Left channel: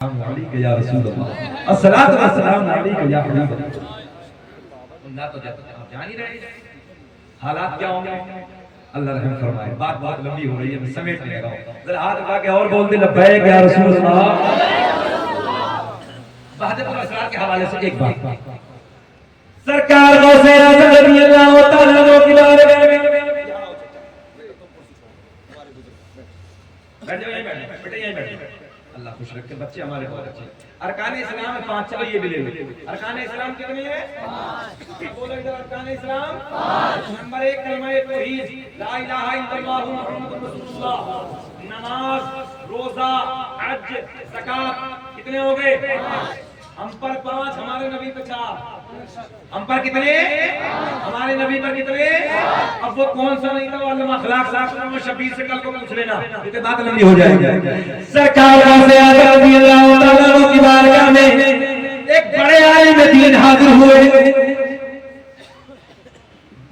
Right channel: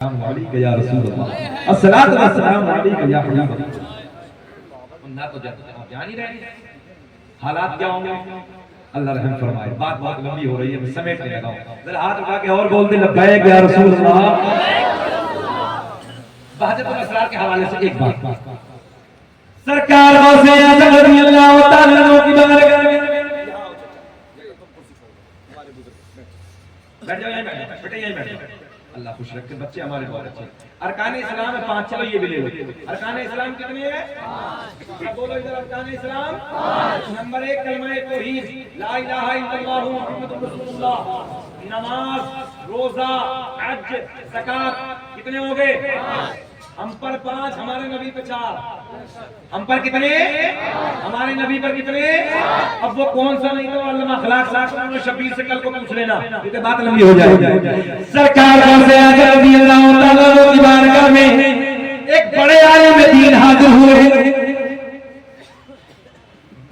या रसूल अल्लाह अस्सलातु वस्सलामु अलैका या हबीब अल्लाह। ना तो आप जान ही रहे हालात क्या होंगे। अल्लाह रहम फरमाए। बात बहुत लंबी हो रही है, मैं समेट नहीं लगा हूं। जरा हाथ उठा के और बोल दे लब्बैक या रसूल अल्लाह। बहादुर असरार के हवाले से एक बात सरकार गौसे आज़म रज़ी अल्लाह तआला अन्हु की बारगाह में यहां आओ चाचा, बेटा तुम कुर्सी छोड़ो, हमारे बुजुर्ग बैठ जाओ, यहीं बैठ जाओ बेटा, यहीं बैठ जाओ। अल्लाह खुश रखे, बच्चे हमारे बहुत अच्छे। अरकान इस्लाम में 5, चलो ये भी ले लो। अरकान इस्लाम कितने हैं? 5। बोलो इधर अरकान इस्लाम 5। नंबर 1 कलमा तौहीद ला इलाहा इल्लल्लाह मुहम्मदुर रसूलुल्लाह। नमाज, रोजा, हज, ज़कात कितने हो गए? 5। हम पर 5, हमारे नबी पे 4। हम पर कितने? हमारे नबी पर कितने? अब वो कौन सा नहीं था अल्लाह अखलाक साहब शबीर से कल को पूछ लेना, क्योंकि बात लंबी हो जाएगी। सरकार गौसे आज़म रज़ी अल्लाह तआला अन्हु की बारगाह में एक बड़े आलिम दीन हाजिर हुए।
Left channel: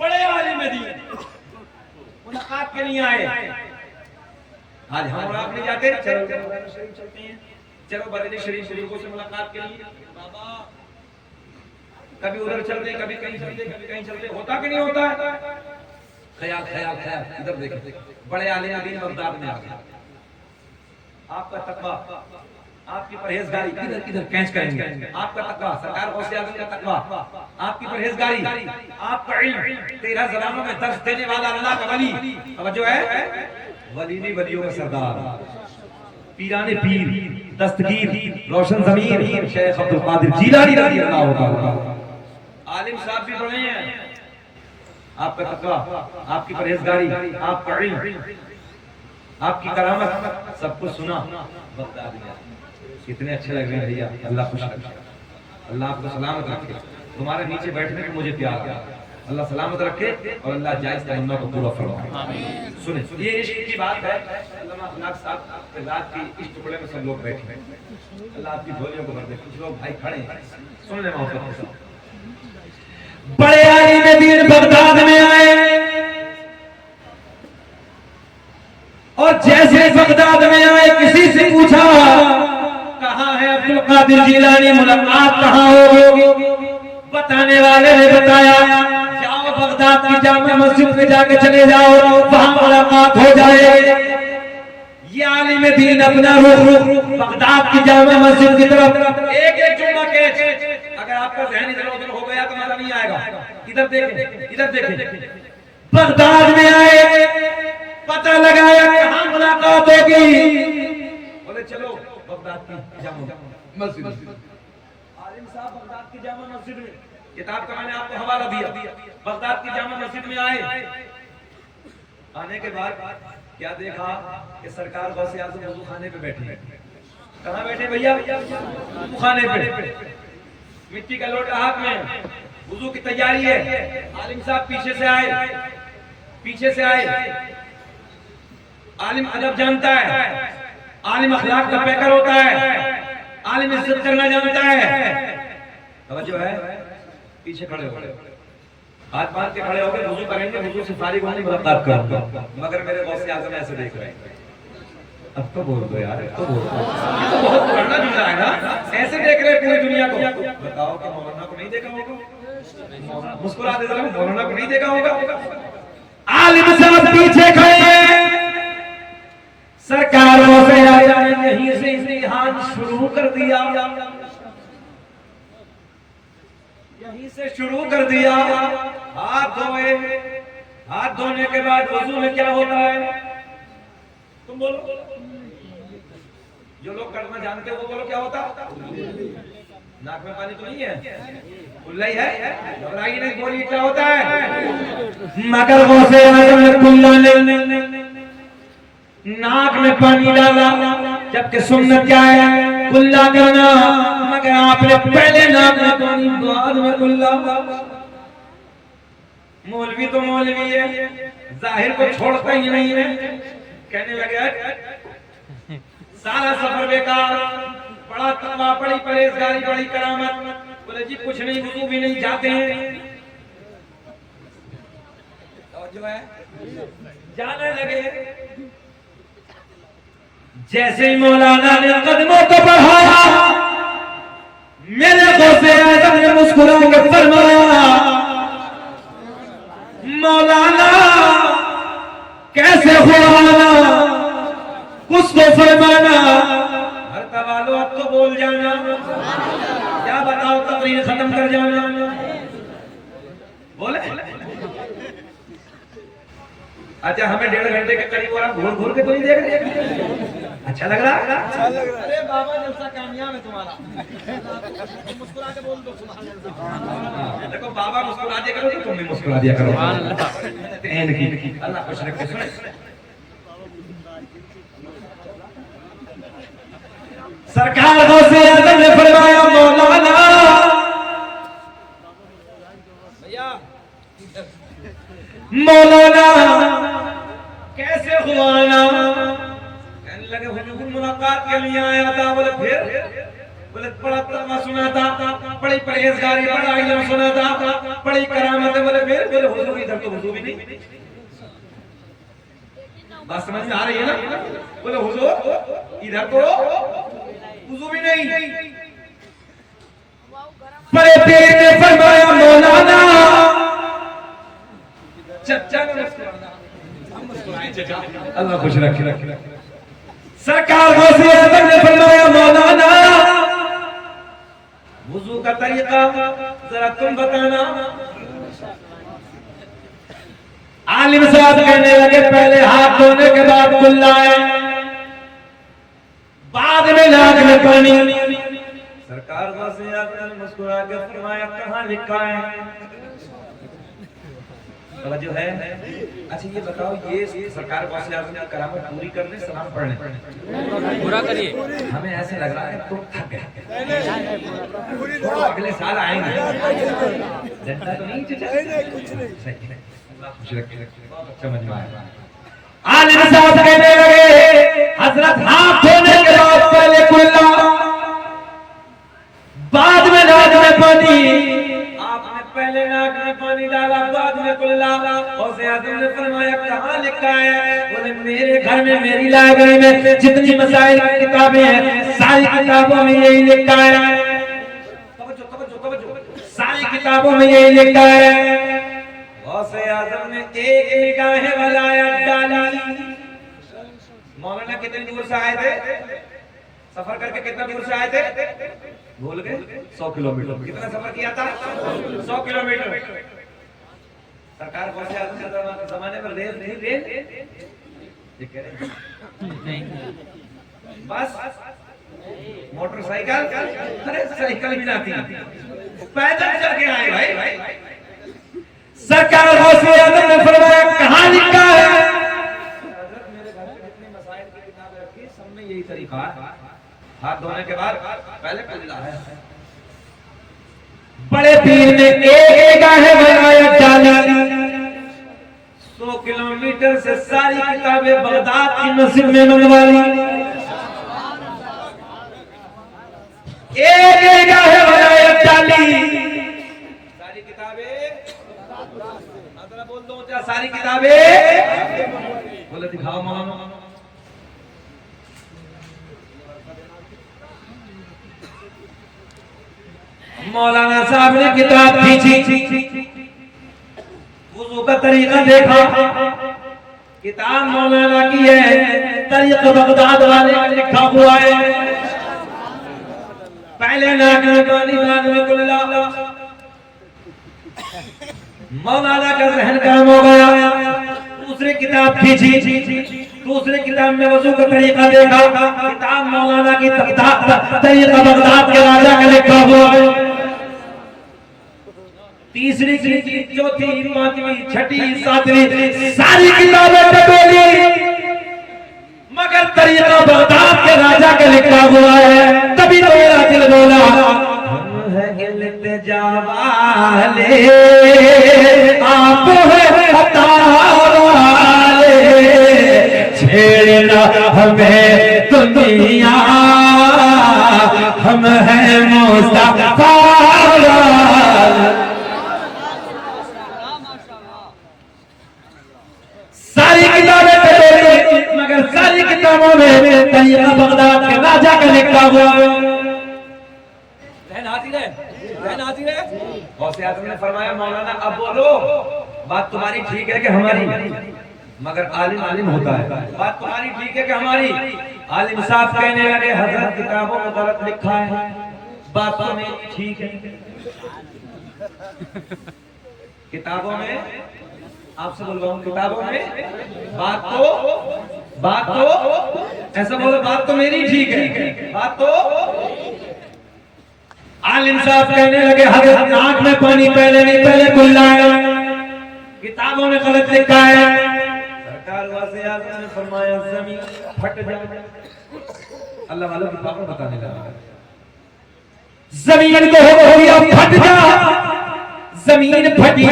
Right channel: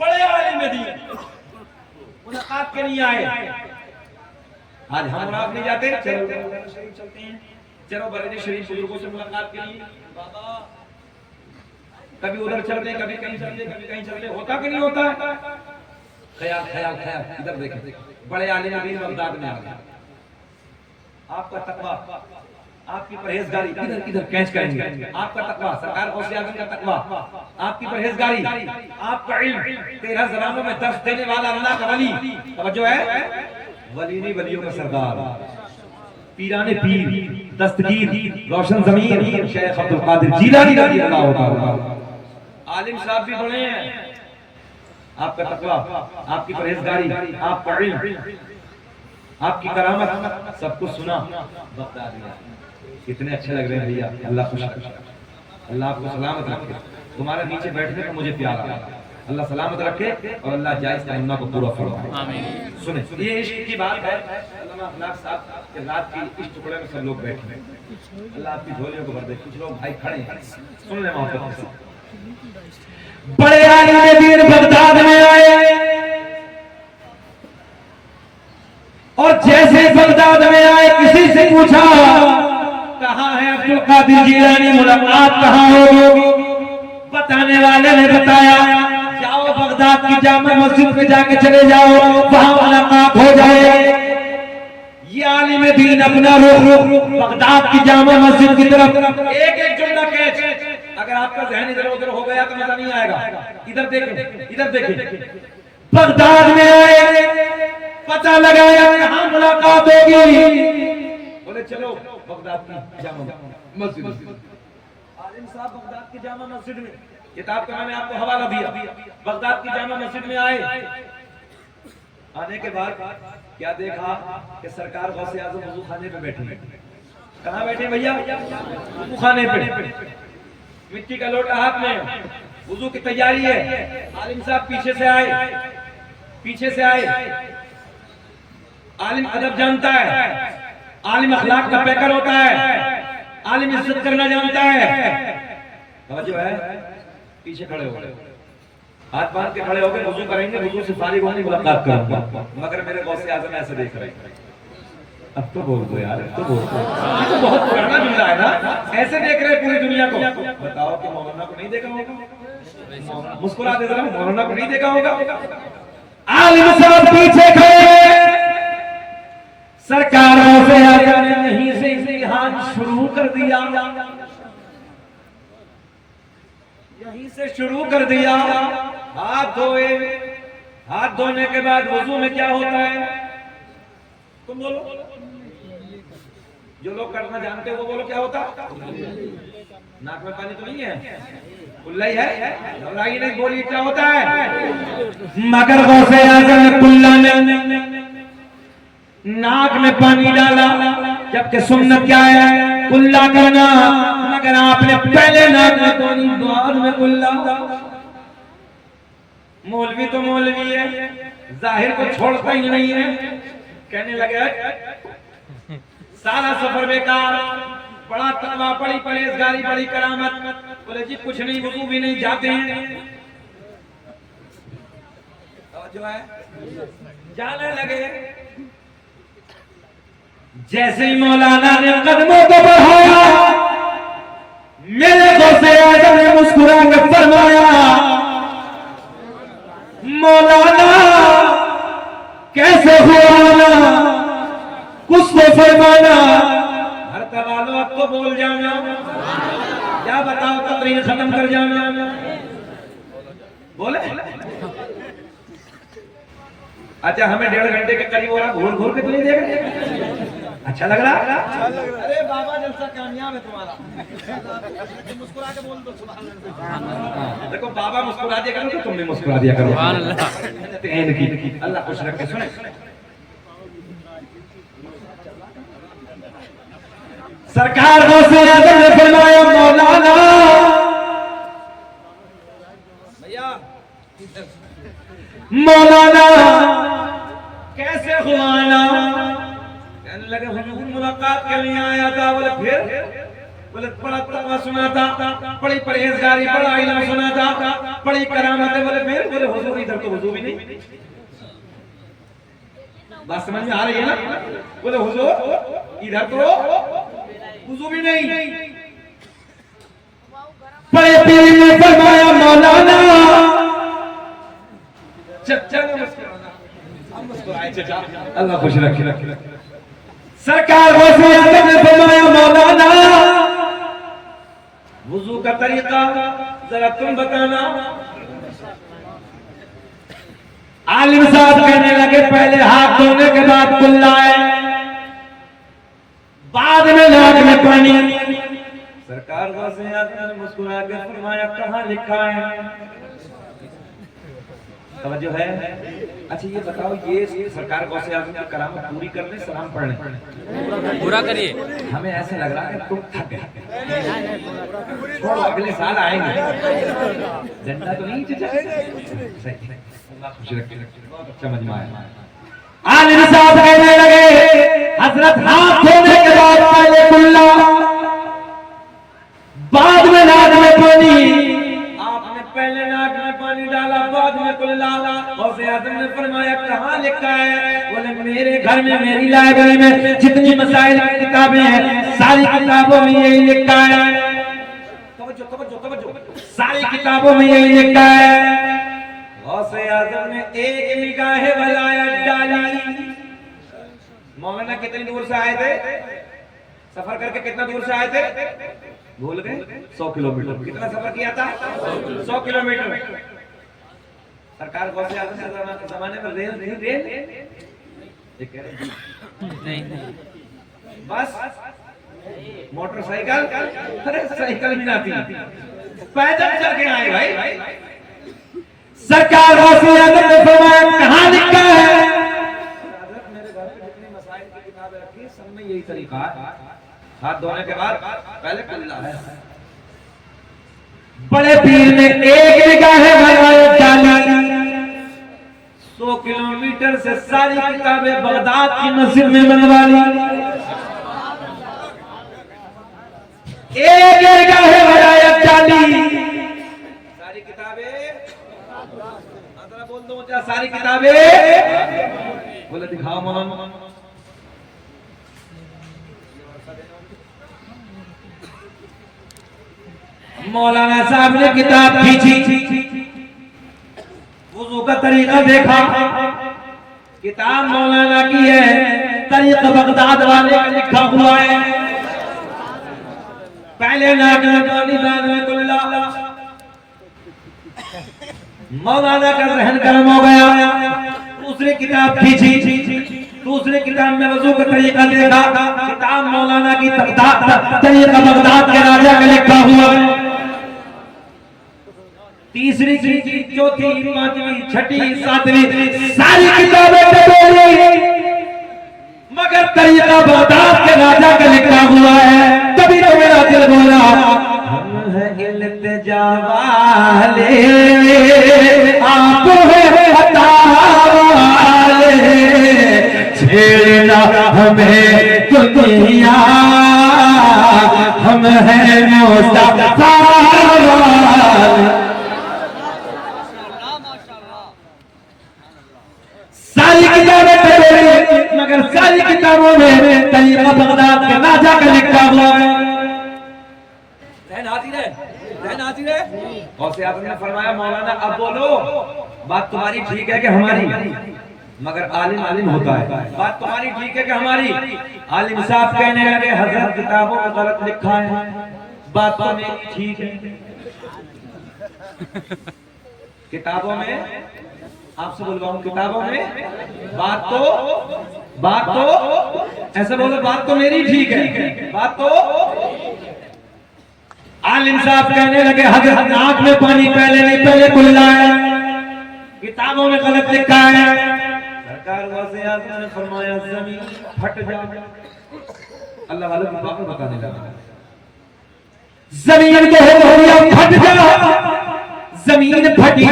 बड़े आलिम दीन मुलाकात के लिए आए। आज हम आप नहीं जाते, चलो बरेली शरीफ चलते हैं, चलो बरेली शरीफ बुजुर्गों से मुलाकात के लिए। बाबा कभी उधर चलते, कभी कहीं चलते, कभी कहीं चलते, होता कि नहीं होता? ख्याल ख्याल ख्याल इधर देखो, बड़े आलिम दीन बगदाद में आ गए। आपका तकवा, आपकी परहेजगारी किधर किधर कैच करेंगे। आपका तकवा, सरकार गौसे आज़म का तकवा, आपकी परहेजगारी, आपका इल्म, 13 ज़बानों में दर्स देने वाला अल्लाह का वली। तवज्जो है, वली नहीं वलियों का सरदार, पीराने पीर, दस्तगीर, रोशन ज़मीर शेख अब्दुल कादिर जीलानी रज़ी अल्लाह तआला। आलिम साहब भी बड़े हैं। आपका तकवा, आपकी परहेजगारी, आपका इल्म, आपकी करामत, सब कुछ सुना बगदादी। कितने अच्छे लग रहे हैं भैया, अल्लाह खुश रखे, अल्लाह आपको सलामत रखे। तुम्हारे नीचे बैठने को मुझे प्यार है, अल्लाह सलामत रखे और अल्लाह जायज़ तमन्ना को पूरा फरमाए। आमीन। सुने, ये इश्क की बात है। अल्लामा अखलाक साहब के रात की इस टुकड़े में सब लोग बैठे हैं, अल्लाह आपकी झोलियों को भर दे। कुछ लोग भाई खड़े हैं, सुन ले मोहब्बत से। बड़े आलिम दीन बगदाद में आए और जैसे बगदाद में आए किसी से पूछा कहां है अब्दुल कादिर जीलानी, मुलाकात कहां होगी? बताने वाले ने बताया जाओ बगदाद की जामा मस्जिद में जाके चले जाओ, वहां मुलाकात हो जाए। ये आलिम दीन अपना रुख बगदाद की जामा मस्जिद की तरफ एक एक जुमला कैच। अगर आपका ज़हन इधर उधर हो गया तो मजा नहीं आएगा। इधर देखें, इधर देखें। बगदाद में आए, पता लगाया कहां मुलाकात होगी। बोले चलो बगदाद की जामा मस्जिद। आलिम साहब बगदाद की जामा मस्जिद में, किताब का मैंने आपको हवाला दिया, बगदाद की जामा मस्जिद में आए। आने के बाद क्या देखा कि सरकार गौसे आज़म वुज़ू खाने पे बैठे हैं। कहां बैठे भैया? वुज़ू खाने पे, मिट्टी का लोटा हाथ में, वुज़ू की तैयारी है। आलिम साहब पीछे से आए, पीछे से आए। आलिम अदब जानता है, आलिम अखलाक का पैकर होता है, आलिम इज्जत करना जानता है। तवज्जो है, पीछे खड़े हो गए, हाथ बांध के खड़े हो गए, वुज़ू करेंगे, वुज़ू से फारिग होने मुलाकात करूंगा, मगर मेरे गौसे आज़म ऐसे देख रहे हैं। अब तो बोल दो यार, अब तो बोल दो, ये तो बहुत पुराना जुमला है ना। ऐसे देख रहे हैं पूरी दुनिया को। बताओ कि मौलाना को नहीं देखा होगा? मुस्कुरा दे रहा हूं, मौलाना को नहीं देखा होगा? आलिम साहब पीछे खड़े, सरकारों से यहीं से इम्तिहान शुरू कर दिया, यहीं से शुरू कर दिया। हाथ धोए, हाथ धोने के बाद वुज़ू में क्या होता है? तुम बोलो, जो लोग करना जानते हो वो बोलो, क्या होता? नाक में पानी तो नहीं है, कुल्ला ही है, घबराई नहीं, बोलिए क्या होता है? मगर गौसे आज़म ने कुल्ला ने नाक में पानी डाला, जबकि सुन्नत क्या है? कुल्ला करना। मगर आपने पहले नाक में पानी, बाद में कुल्ला। मौलवी तो मौलवी है, जाहिर को छोड़ता ही नहीं है। कहने लगे सारा सफर बेकार, बड़ा तकवा, बड़ी परहेजगारी, बड़ी करामत। बोले जी कुछ नहीं, वुज़ू भी नहीं, जाते हैं। तवज्जो है, जाने लगे। जैसे ही मौलाना ने कदमों को बढ़ाया, मेरे गौसे आज़म ने मुस्कुरा कर फरमाया, मौलाना कैसे हुआ, कुछ तो फरमाना। हर तवालो अब तो बोल जाना, क्या बताओ तकरीर खत्म कर जाना, बोले। अच्छा हमें 1.5 घंटे के करीब हो रहा, घूर घूर के तो नहीं देख रहे, अच्छा लग रहा? अरे बाबा जलसा कामयाब है तुम्हारा, मुस्कुरा के बोल दो सुभान अल्लाह। देखो बाबा मुस्कुरा दिया करो, तुम भी मुस्कुरा दिया करो। अल्लाह खुश रखे। सुन सरकार गौसे आज़म ने फरमाया, मौलाना भैया मौलाना कैसे हुआ ना? कहने लगे हुजूर मुलाकात के लिए आया था। बोले फिर? बोले बड़ा तवा सुना था, बड़ी परहेजगारी, बड़ा इल्म सुना था, बड़ी करामत है। बोले फिर? बोले हुजूर इधर तो हुजूर भी नहीं। बात समझ में आ रही है ना? बोले हुजूर इधर तो हुजूर भी नहीं। बड़े पीर ने फरमाया, मौलाना चचा ने मुस्कुराना, हम मुस्कुराए चचा, अल्लाह खुश रखे। सरकार गौसे आज़म ने फरमाया, मौलाना वुजू का तरीका जरा तुम बताना। आलिम साहब कहने लगे, पहले हाथ धोने के बाद कुल्ला है, बाद में नाक में पानी। सरकार गौसे आज़म ने मुस्कुरा के फरमाया, कहाँ लिखा है? तवज्जो है? अच्छा ये बताओ, ये सरकार गौसे आज़म की करामत पूरी कर दे, सलाम पढ़ने पूरा करिए। हमें ऐसे लग रहा है तुम थक गए, तो अगले साल आएंगे। जनता तो नहीं चचा, बहुत अच्छा मजा आया। आलिम साहब कहने लगे, हजरत हाथ धोने के बाद पहले कुल्ला, बाद में नाक में पानी। आपने पहले नाक में पानी डाला, बाद में कुल्ला। गौसे आज़म ने फरमाया, कहाँ लिखा है? बोले मेरे घर में, मेरी लाइब्रेरी में जितनी मसाइल की किताबें हैं, सारी किताबों में यही लिखा है। तवज्जो तवज्जो तवज्जो, सारी किताबों में यही लिखा है। गौसे आज़म ने एक निगाह वलायत डाली। मौलाना कितने दूर से आए थे? सफर करके कितना दूर से आए थे? भूल गए? 100 किलोमीटर। कितना सफर किया था? 100 किलोमीटर। सरकार गौसे आज़म के जमाने में रेल बस मोटरसाइकिल, अरे साइकिल भी आती, पैदल चल के आए भाई। सरकार गौसे आज़म ने फरमाया, कहाँ लिखा है? हज़रत मेरे घर पे जितनी मसाइल की किताबें रखी, सब में यही तरीका है, हाथ धोने के बाद पहले कुल्ला है। बड़े पीर ने एक निगाह वलायत डाली। 100 किलोमीटर से सारी किताबें बगदाद की मस्जिद में मंगवा ली। एक निगाह वलायत डाली, सारी किताबें, अदरा बोल दो क्या? सारी किताबें। बोले दिखाओ मौलाना। मौलाना साहब ने किताब खींची, वुजू का तरीका देखा, किताब मौलाना की है, तरीका बगदाद वाले का लिखा हुआ है। पहले नाक में पानी, बाद में कुल्ला। मौलाना का जहन काम हो गया। दूसरी किताब खींची, दूसरी किताब में वजू का तरीका देखा, किताब मौलाना की तरीका बगदाद के राजा का लिखा हुआ। तीसरी खींची, चौथी, पांचवी, छठी, सातवीं, सारी किताबें बदली, मगर तरीका बगदाद के राजा का लिखा हुआ है। तभी तो मेरा दिल बोला, हम हैं इल्तिजा वाले, आप हैं अता वाले, छेड़ना हमें दुनिया, हम हैं मुस्तफा। सारी किताबें पढ़ी, मगर सारी किताबों में तरीका जहन हाजिर है। गौसे आजम ने फरमाया मौलाना अब बोलो, बात तुम्हारी ठीक है कि हमारी, मगर आलिम आलिम होता है। बात तुम्हारी ठीक है कि हमारी? आलिम साहब कहने लगे हजरत किताबों में गलत लिखा है, बात तो मेरी ठीक है। किताबों में, आपसे बोल रहा हूँ, किताबों में बात तो ऐसा बोलो, बात तो मेरी ठीक है, बात तो। आलिम साहब कहने लगे हजरत आंख में पानी पहले नहीं, पहले बुलाया, किताबों में गलत लिखा है। सरकार वज़ीर आज़म ने फरमाया जमीन फट जाए। अल्लाह वालों की बात बताने लगा, जमीन को हो गया फट जा, जमीन फटी,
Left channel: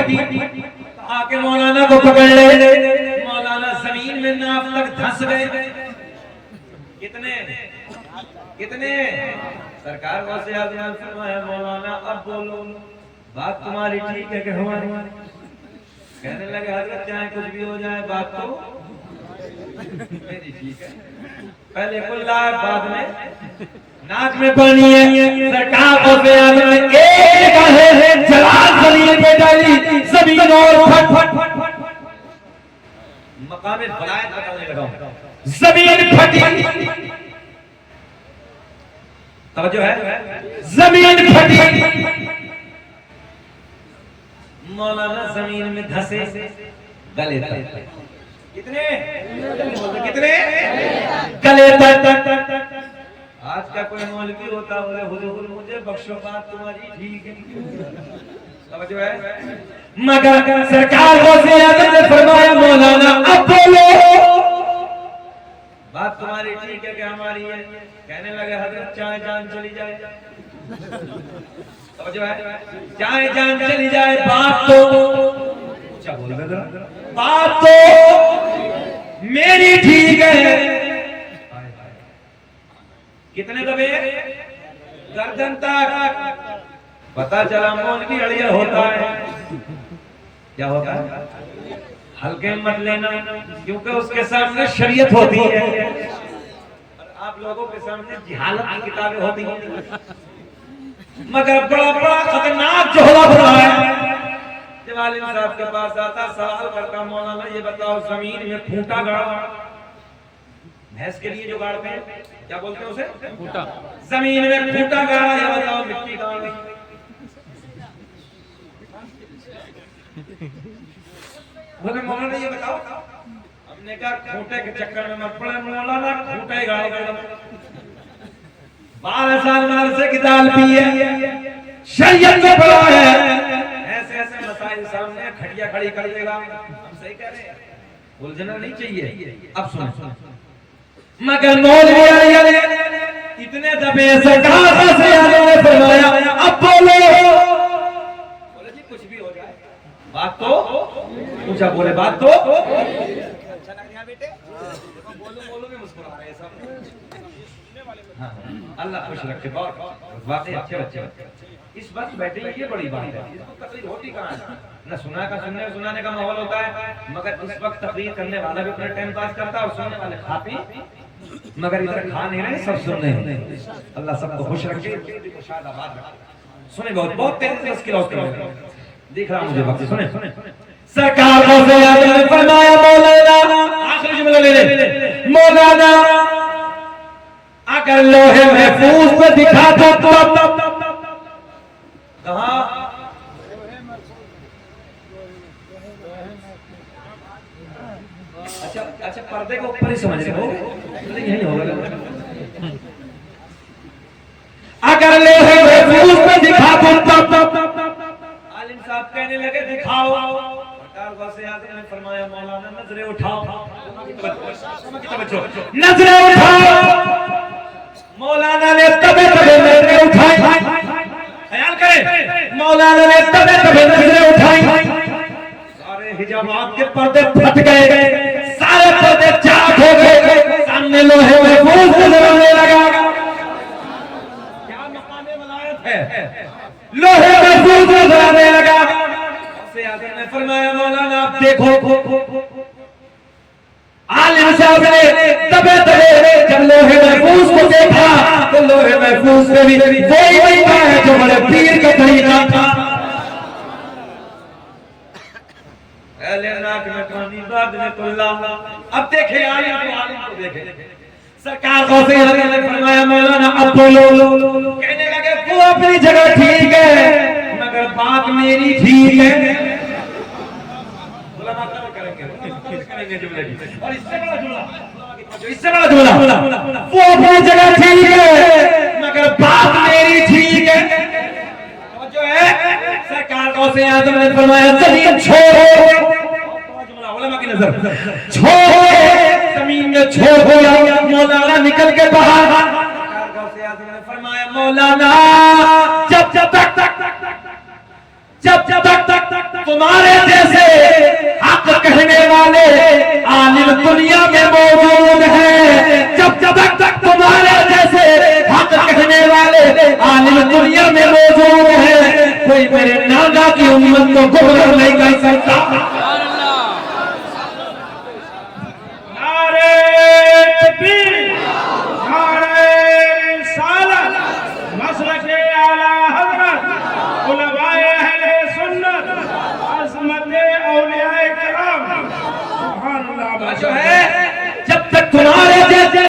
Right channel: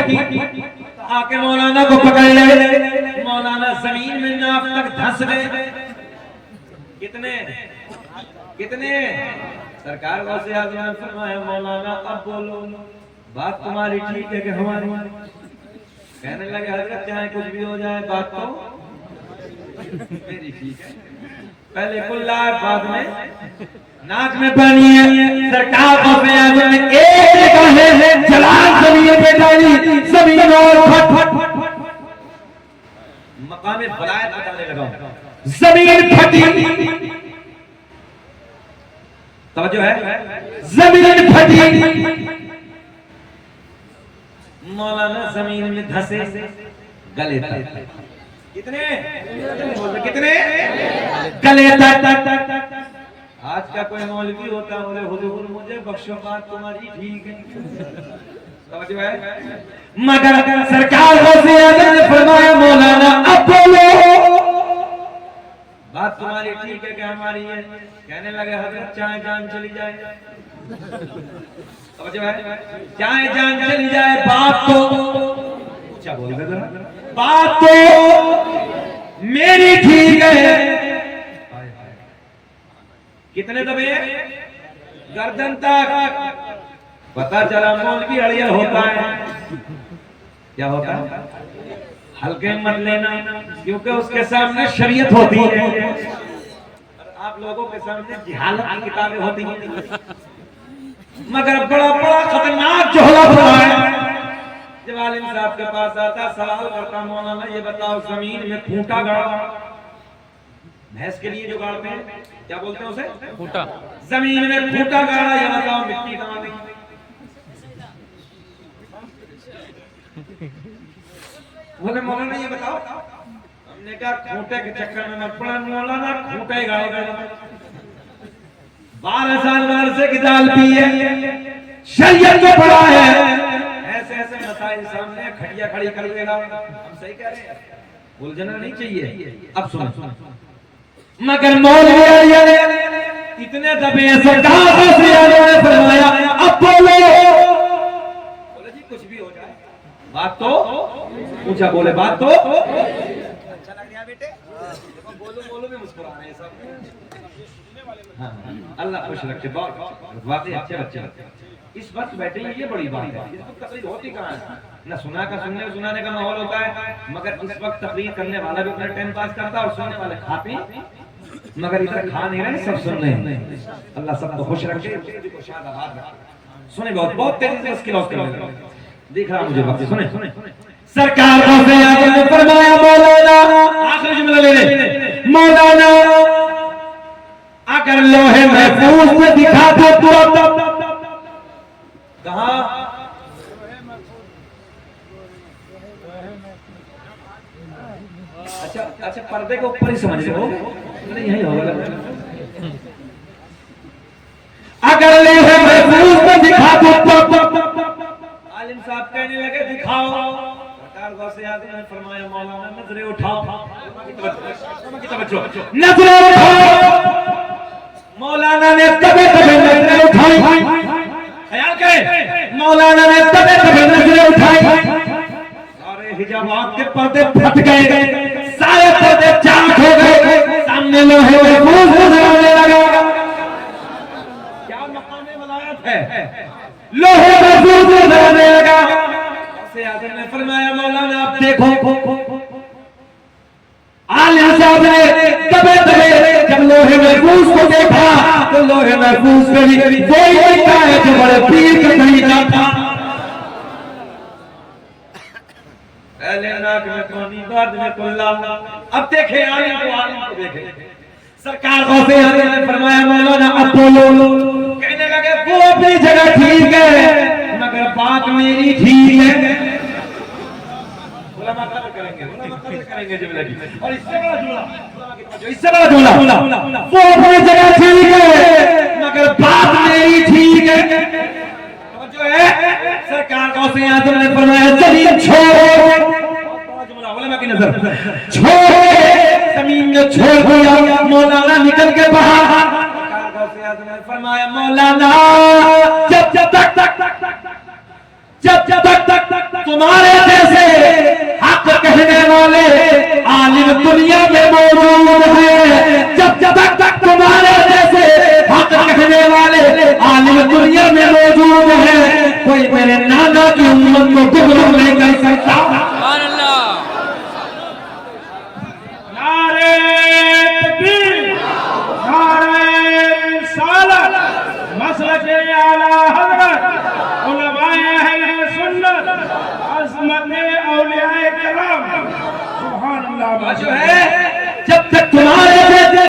आके मौलाना को पकड़ ले। मौलाना जमीन में नाफ तक धंस गए। कितने सरकार वज़ीर आज़म ने फरमाया मौलाना अब बोलो, बात तुम्हारी ठीक है कि हमारी? कहने लगे हजरत चाहे कुछ भी हो जाए, बात तो मेरी ठीक है। पहले कुल्ला बाद में नाक में पानी है। सरकार को एक है जलाल जमीन पे डाली, जमीन और फट मकामे बलायत बताने लगा, जमीन फटी। तवज्जो है, जमीन फटी। मौलाना जमीन में धंसे, गले तक। कितने गले तक। आज का कोई मौलवी होता बोले हुजूर मुझे बख्शो, बात तुम्हारी ठीक है, समझ है। मगर सरकार ने फरमाया मौलाना अब बोलो, बात तुम्हारी ठीक है कि हमारी है? कहने लगे हजरत चाहे जान चली जाए, समझ है, चाहे जान चली जाए, बात तो ऊंचा बोल रहे, बात तो मेरी ठीक है। कितने दबे? गर्दन तक। पता चला मौलवी अड़ियल होता है। क्या होता है? हल्के मत लेना, क्योंकि उसके सामने शरीयत होती है और आप लोगों के सामने जिहालत की किताबें होती हैं। मगर बड़ा बड़ा खतरनाक झोला होता है। जब आलिम साहब के पास आता, सवाल करता मौलाना ये बताओ जमीन में खूंटा गाड़ा, भैंस के लिए जो गाड़ते हैं क्या बोलते हैं उसे? खूंटा। जमीन में खूंटा गाड़ा, ये बताओ मिट्टी कहाँ गई? बोले मौलाना ये बताओ। हमने कहा खूंटे के चक्कर में मत पड़ा मौलाना, खूंटे गाड़ दो। 12 साल से की दाल पी है, शरीयत में पड़ा है, ऐसे ऐसे मसाइल सामने खड़िया खड़ी कर देगा। हम सही कह रहे हैं, उलझना नहीं चाहिए। अब सुनो, मगर मौलवी इतने दबे सरकार ने फरमाया अब बोलो। बोले जी कुछ भी हो जाए, बात तो ऊंचा बोले, बात तो। अच्छा लग रहा बेटे, देखो बोलो भी मुस्कुरा रहे हैं सब। हाँ, अल्लाह खुश रखे, बहुत बातें अच्छे बच्चे इस वक्त बैठे हैं, ये बड़ी बात है। इसको तकलीफ होती कहाँ है? न सुनाने का माहौल होता है, मगर इस वक्त तकलीफ करने वाला भी अपना टाइम पास करता है और सुनने वाले खा पी, मगर इधर खा नहीं रहे, सब सुन रहे हैं। अल्लाह सबको खुश रखे, सुने बहुत तेजी से इसकी रोशनी दिख रहा मुझे वक्त। सुने सरकार ने फरमाया मौलाना, आखिरी जुमला ले ले, मौलाना अगर लोहे महफूज में दिखा दो तो कहां? अच्छा पर्दे को ऊपर ही समझ लो, यही होगा। अगर लोहे महफूज में दिखा दो तो आलिम साहब कहने लगे दिखाओ। सरकार वज़ीर आज़म ने फरमाया मौलाना नजरें उठाओ, नजरें उठाओ। मौलाना ने तबे नजरें उठाई, ख्याल करें, मौलाना ने तबे नजरें उठाई, सारे हिजाबात के पर्दे फट गए, सारे पर्दे चाक हो गए, सामने लोहे महफूज नजर आने लगा। क्या मकामे वलायत है? लोहे महफूज नजर आने लगा। वज़ीर आज़म ने फरमाया मौलाना आप देखो, आलिम साहब ने दबे जब लोहे महफूज को देखा तो लोहे महफूज पे भी वही लिखा है जो बड़े पीर के अब देखे आलिम को देखे। सरकार गौसे आजम ने फरमाया मौलाना अपोलो कहने लगे वो अपनी जगह ठीक है मगर बात मेरी ठीक है। मौलाना कदर करेंगे जुमले की। और इससे बड़ा जुमला वो अपनी जगह ठीक है मगर बात मेरी ठीक है। जो है सरकार गौसे आजम ने फरमाया जमीन छोड़, जुमला उलमा की नजर छोड़, जमीन में छोड़, मौलाना निकल के बाहर। सरकार गौसे आजम ने फरमाया मौलाना जब तक तुम्हारे जैसे हक कहने वाले आलिम दुनिया में मौजूद हैं, जब तक तुम्हारे जैसे हक कहने वाले आलिम दुनिया में मौजूद हैं, कोई मेरे नाना की उम्मत को गुमराह नहीं कर सकता। नारे तकबीर, नारे रिसालत, मसलके आला हज़रत, उलमाए अहले सुन्नत, अज़मत औलियाए किराम, सुभान अल्लाह। जो है जब तक तुम्हारे